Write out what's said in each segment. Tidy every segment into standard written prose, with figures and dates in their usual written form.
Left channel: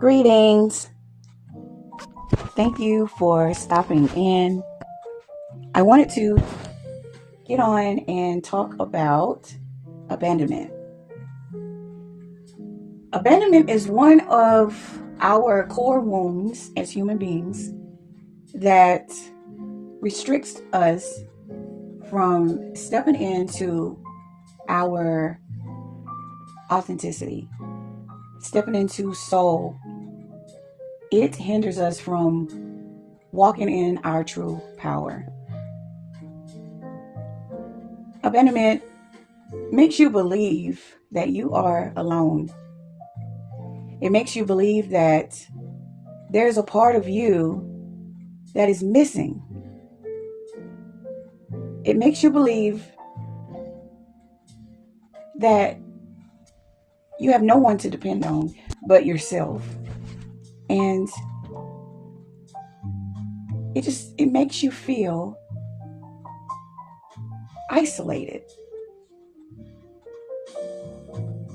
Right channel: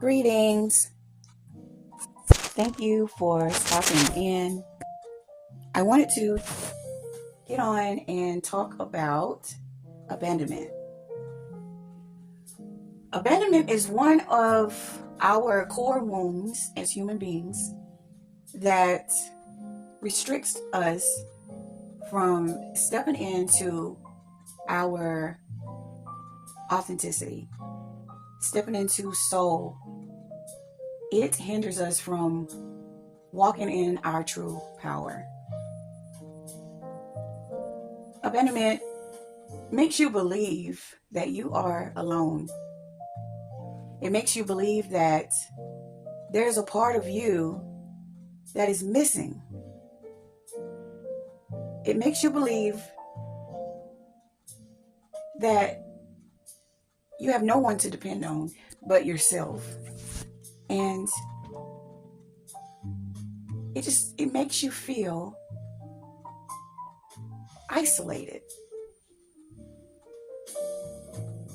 Greetings. Thank you for stopping in. I wanted to get on and talk about abandonment. Abandonment is one of our core wounds as human beings that restricts us from stepping into our authenticity, stepping into soul. It hinders us from walking in our true power. Abandonment makes you believe that you are alone. It makes you believe that there's a part of you that is missing. It makes you believe that you have no one to depend on but yourself. And it makes you feel isolated,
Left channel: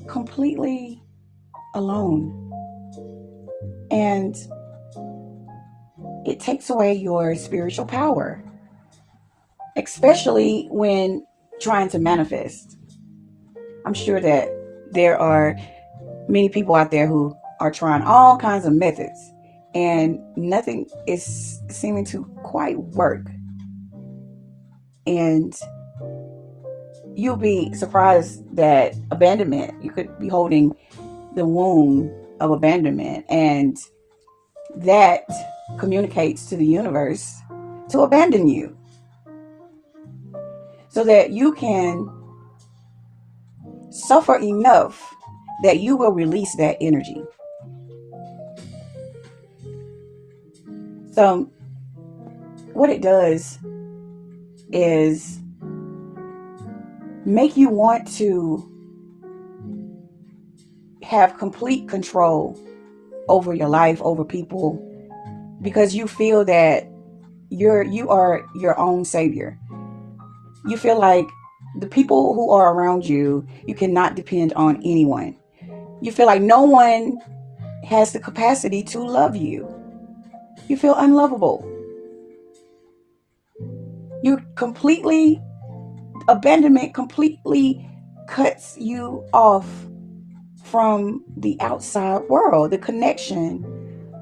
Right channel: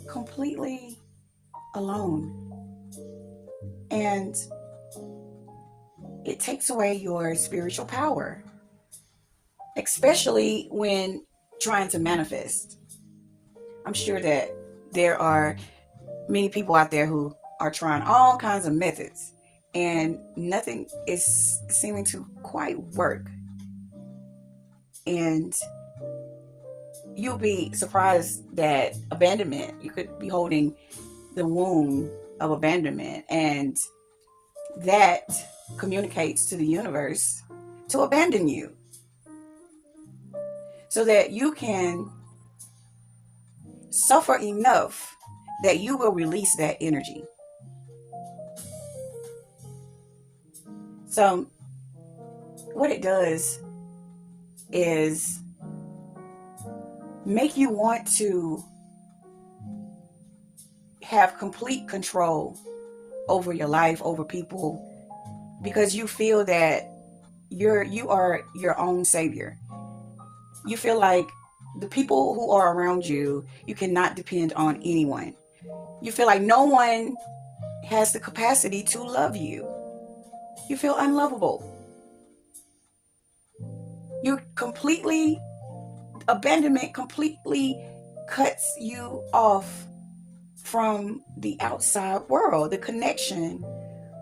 completely alone. And it takes away your spiritual power, especially when trying to manifest. I'm sure that there are many people out there who are trying all kinds of methods and nothing is seeming to quite work. And you'll be surprised that abandonment, you could be holding the wound of abandonment, and that communicates to the universe to abandon you so that you can suffer enough that you will release that energy. So what it does is make you want to have complete control over your life, over people, because you feel that you are your own savior. You feel like the people who are around you, you cannot depend on anyone. You feel like no one has the capacity to love you. You feel unlovable. Abandonment completely cuts you off from the outside world, the connection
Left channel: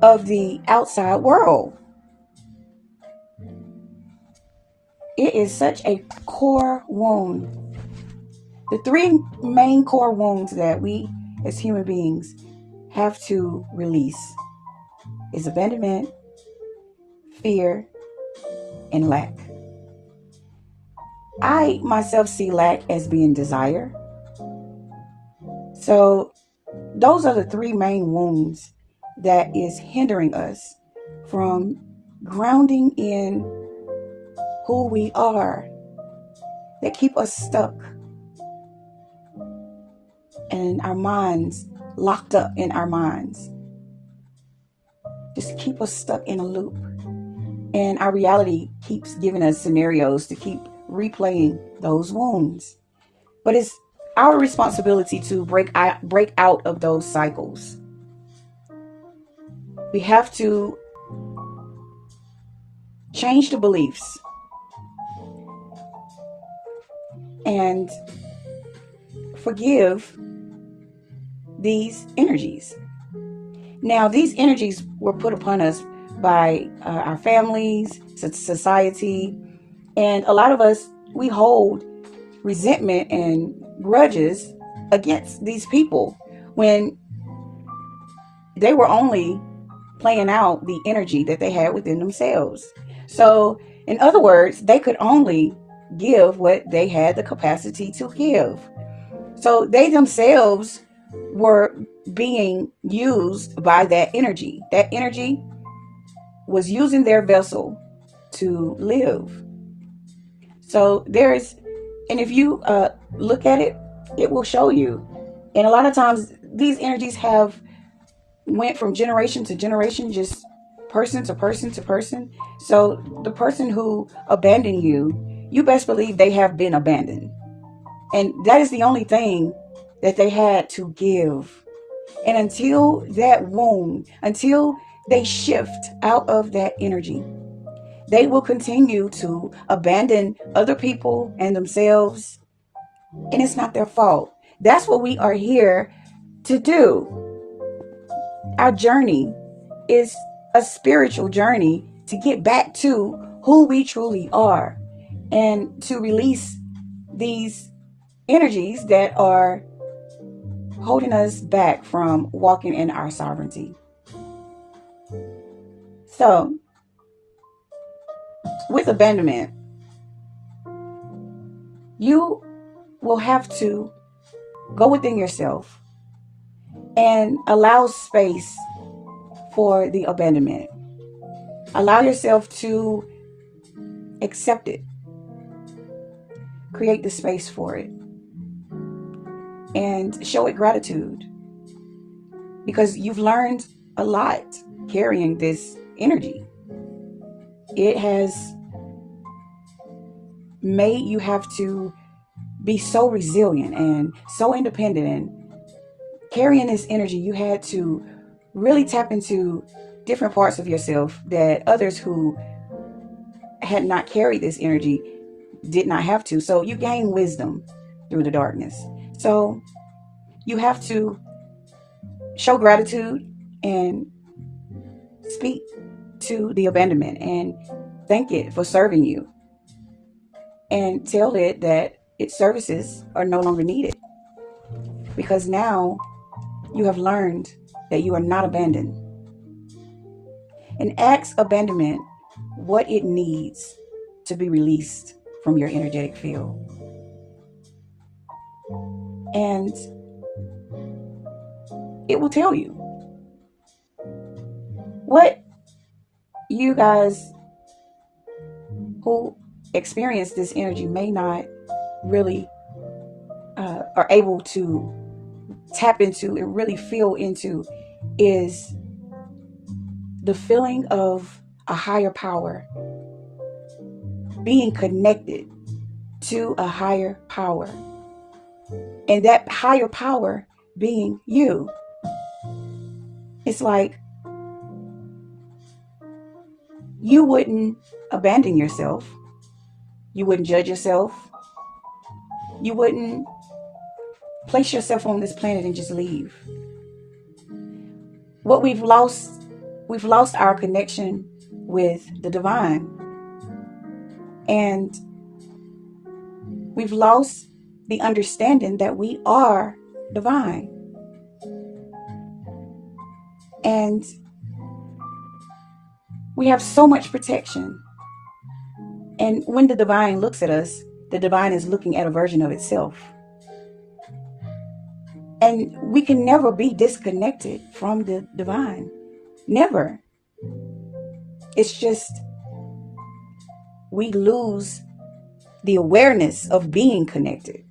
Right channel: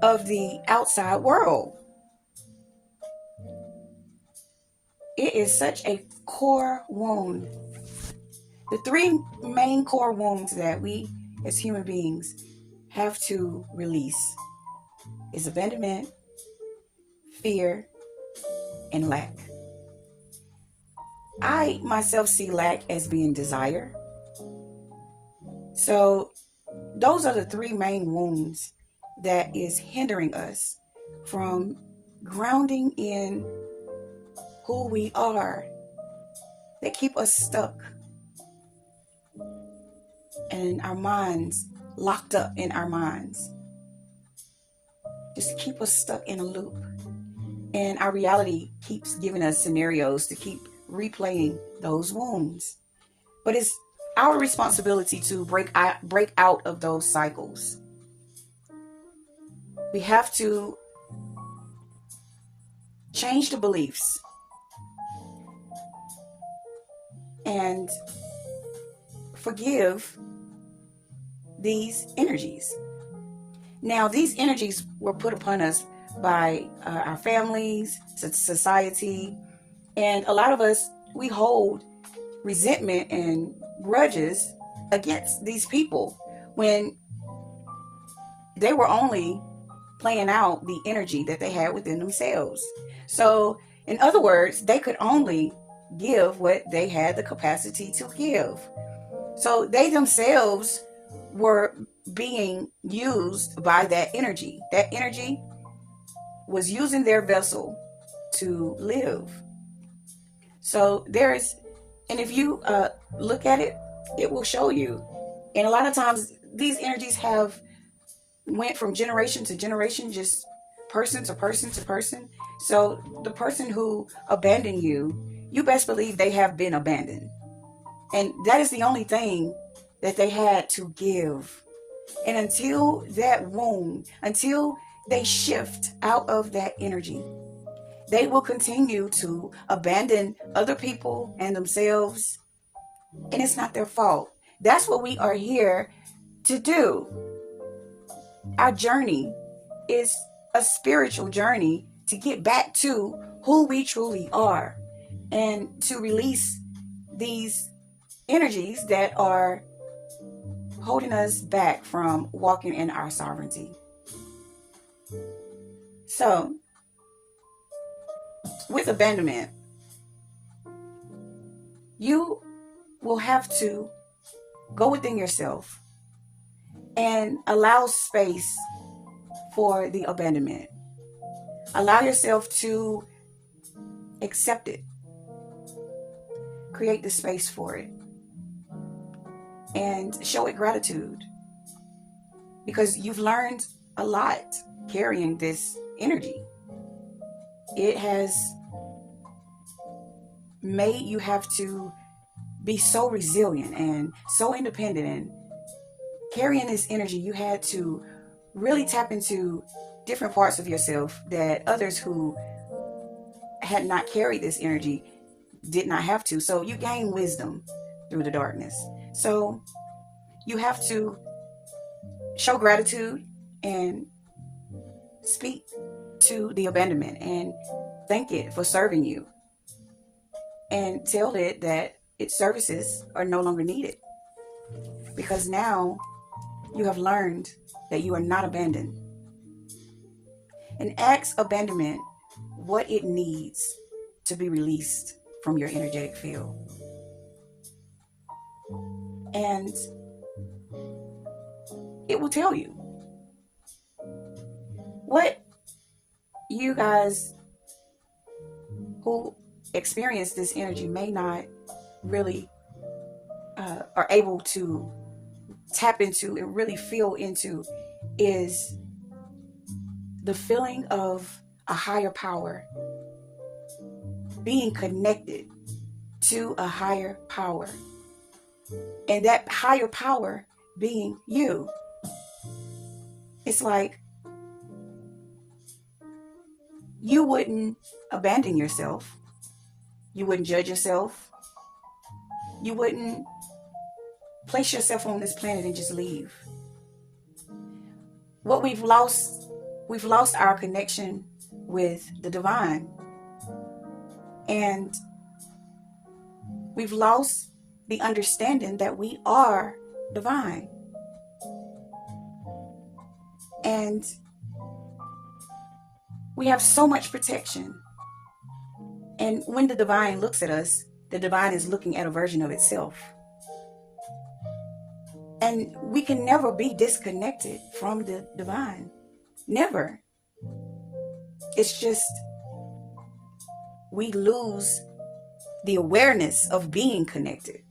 of the outside world. It is such a core wound. The three main core wounds that we as human beings have to release is abandonment, fear, and lack. I myself see lack as being desire. So those are the three main wounds that is hindering us from grounding in who we are, that keep us stuck and our minds locked up in our minds. Just keep us stuck in a loop. And our reality keeps giving us scenarios to keep replaying those wounds. But it's our responsibility to break out of those cycles. We have to change the beliefs and forgive these energies. Now, these energies were put upon us by our families, society, and a lot of us, we hold resentment and grudges against these people when they were only playing out the energy that they had within themselves. So, in other words, they could only give what they had the capacity to give. So they themselves were being used by that energy. That energy was using their vessel to live. So and if you look at it, it will show you. And a lot of times these energies have went from generation to generation, just person to person to person. So the person who abandoned you, you best believe they have been abandoned. And that is the only thing that they had to give. And until that wound, until they shift out of that energy, they will continue to abandon other people and themselves. And it's not their fault. That's what we are here to do. Our journey is a spiritual journey to get back to who we truly are and to release these energies that are holding us back from walking in our sovereignty. So, with abandonment, you will have to go within yourself and allow space for the abandonment. Allow yourself to accept it. Create the space for it. And show it gratitude. Because you've learned a lot carrying this energy. It has made you have to be so resilient and so independent. And carrying this energy, you had to really tap into different parts of yourself that others who had not carried this energy did not have to. So you gain wisdom through the darkness. So you have to show gratitude and speak to the abandonment and thank it for serving you. And tell it that its services are no longer needed. Because now you have learned that you are not abandoned. And ask abandonment what it needs to be released from your energetic field. And it will tell you. What you guys who experience this energy may not really are able to tap into and really feel into is the feeling of a higher power, being connected to a higher power, and that higher power being you. It's like you wouldn't abandon yourself. You wouldn't judge yourself. You wouldn't place yourself on this planet and just leave. What we've lost our connection with the divine. And we've lost the understanding that we are divine. And we have so much protection. And when the divine looks at us, the divine is looking at a version of itself. And we can never be disconnected from the divine. Never. It's just we lose the awareness of being connected.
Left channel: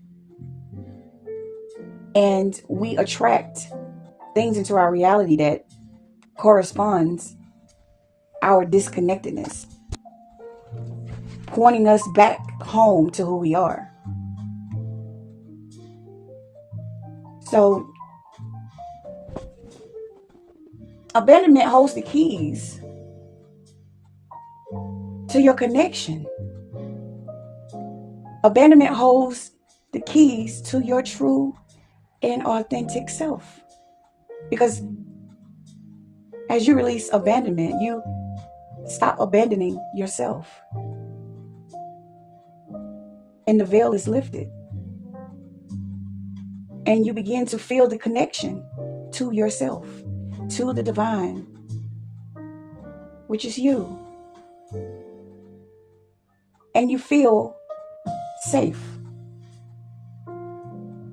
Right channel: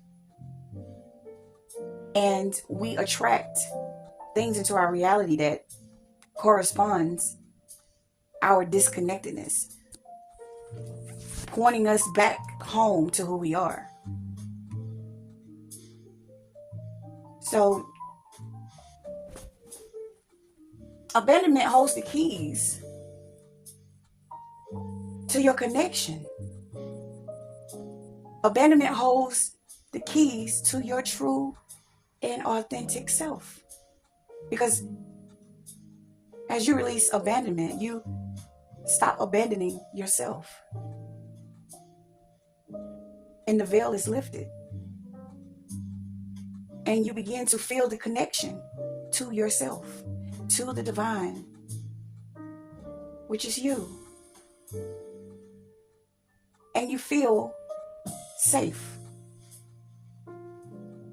And we attract things into our reality that corresponds our disconnectedness, pointing us back home to who we are. So, abandonment holds the keys to your connection. Abandonment holds the keys to your true and authentic self. Because as you release abandonment, you stop abandoning yourself. And the veil is lifted. And you begin to feel the connection to yourself, to the divine, which is you. And you feel safe.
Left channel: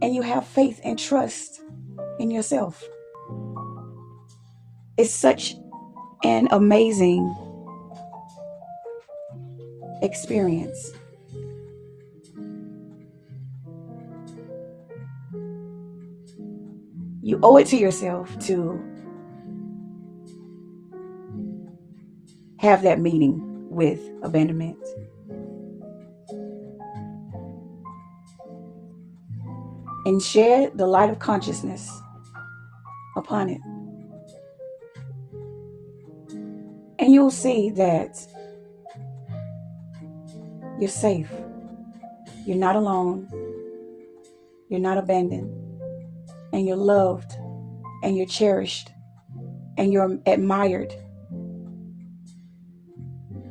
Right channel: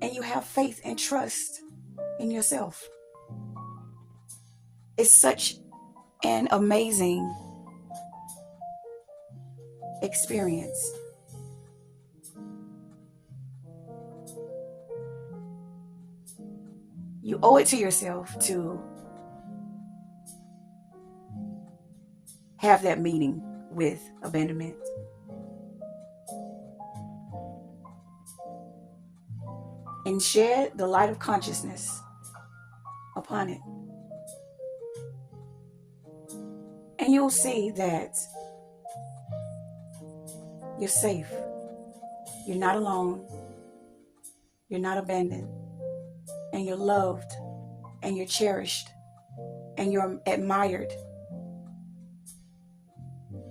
And you have faith and trust in yourself. It's such an amazing experience. You owe it to yourself to have that meeting with abandonment. And shed the light of consciousness upon it. And you'll see that you're safe. You're not alone. You're not abandoned. And you're loved. And you're cherished. And you're admired.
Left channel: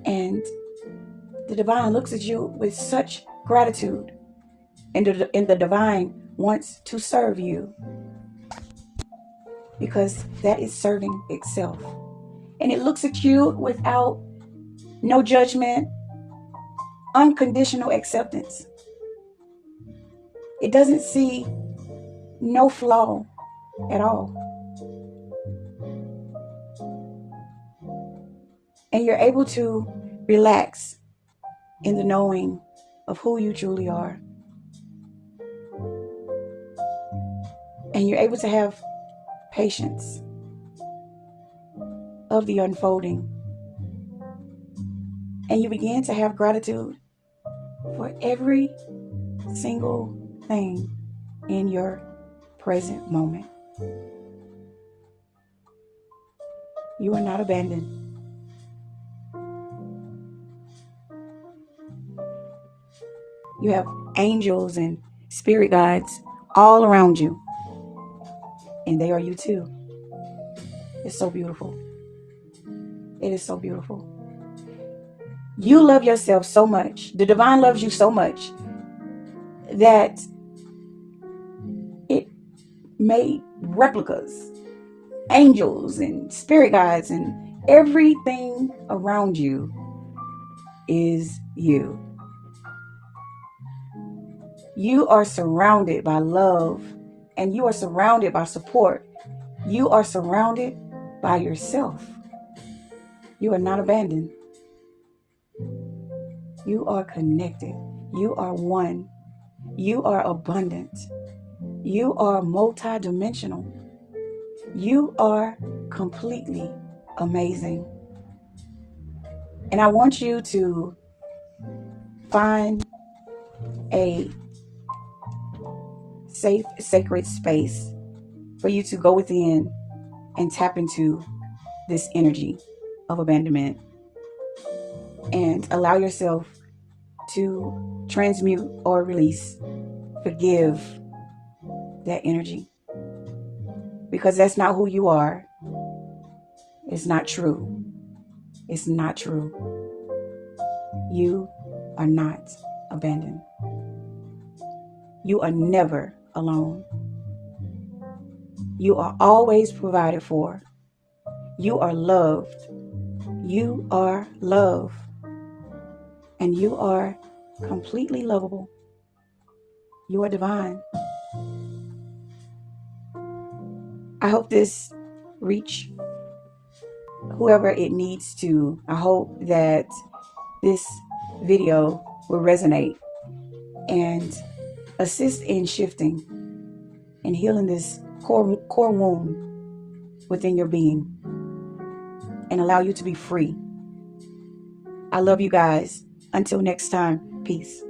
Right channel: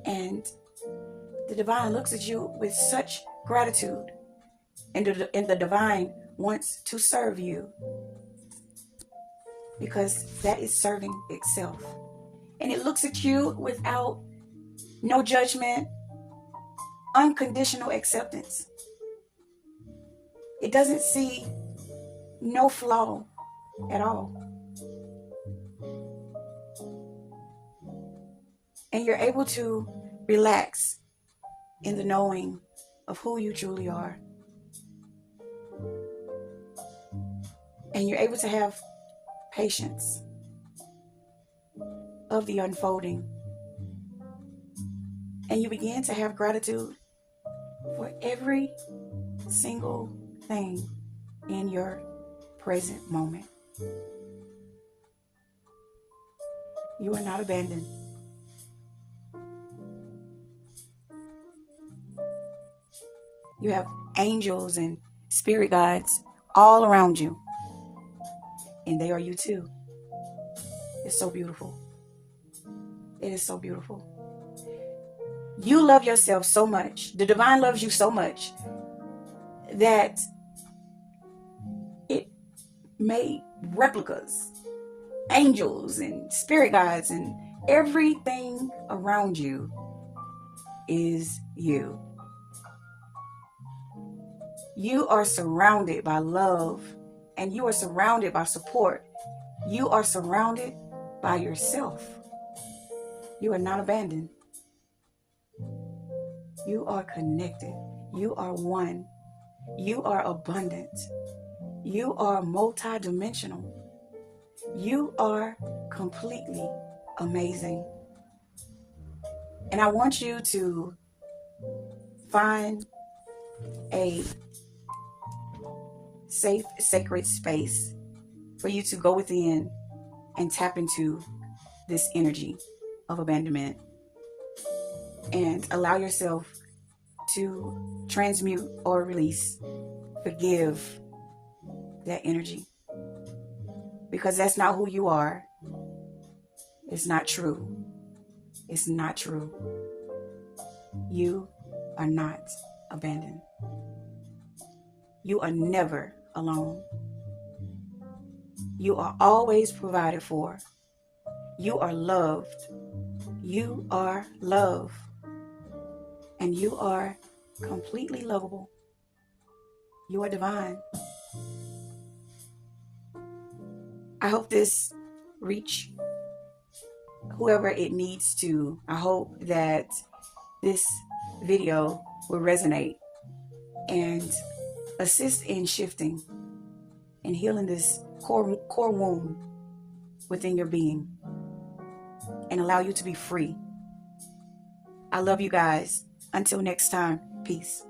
And the divine looks at you with such gratitude. And the divine wants to serve you. Because that is serving itself. And it looks at you without no judgment, unconditional acceptance. It doesn't see no flaw at all. And you're able to relax in the knowing of who you truly are. And you're able to have patience of the unfolding. And you begin to have gratitude for every single thing in your present moment. You are not abandoned. You have angels and spirit guides all around you. And they are you too. It's so beautiful. It is so beautiful. You love yourself so much. The divine loves you so much that it made replicas, angels and spirit guides, and everything around you is you. You are surrounded by love, and you are surrounded by support. You are surrounded by yourself. You are not abandoned. You are connected. You are one. You are abundant. You are multidimensional. You are completely amazing. And I want you to find a safe, sacred space for you to go within and tap into this energy of abandonment and allow yourself to transmute or release, forgive that energy, because that's not who you are. It's not true. It's not true. You are not abandoned. You are never alone. You are always provided for. You are loved. You are love. And you are completely lovable. You are divine. I hope this reach whoever it needs to. I hope that this video will resonate and assist in shifting and healing this core wound within your being and allow you to be free. I love you guys. Until next time, peace.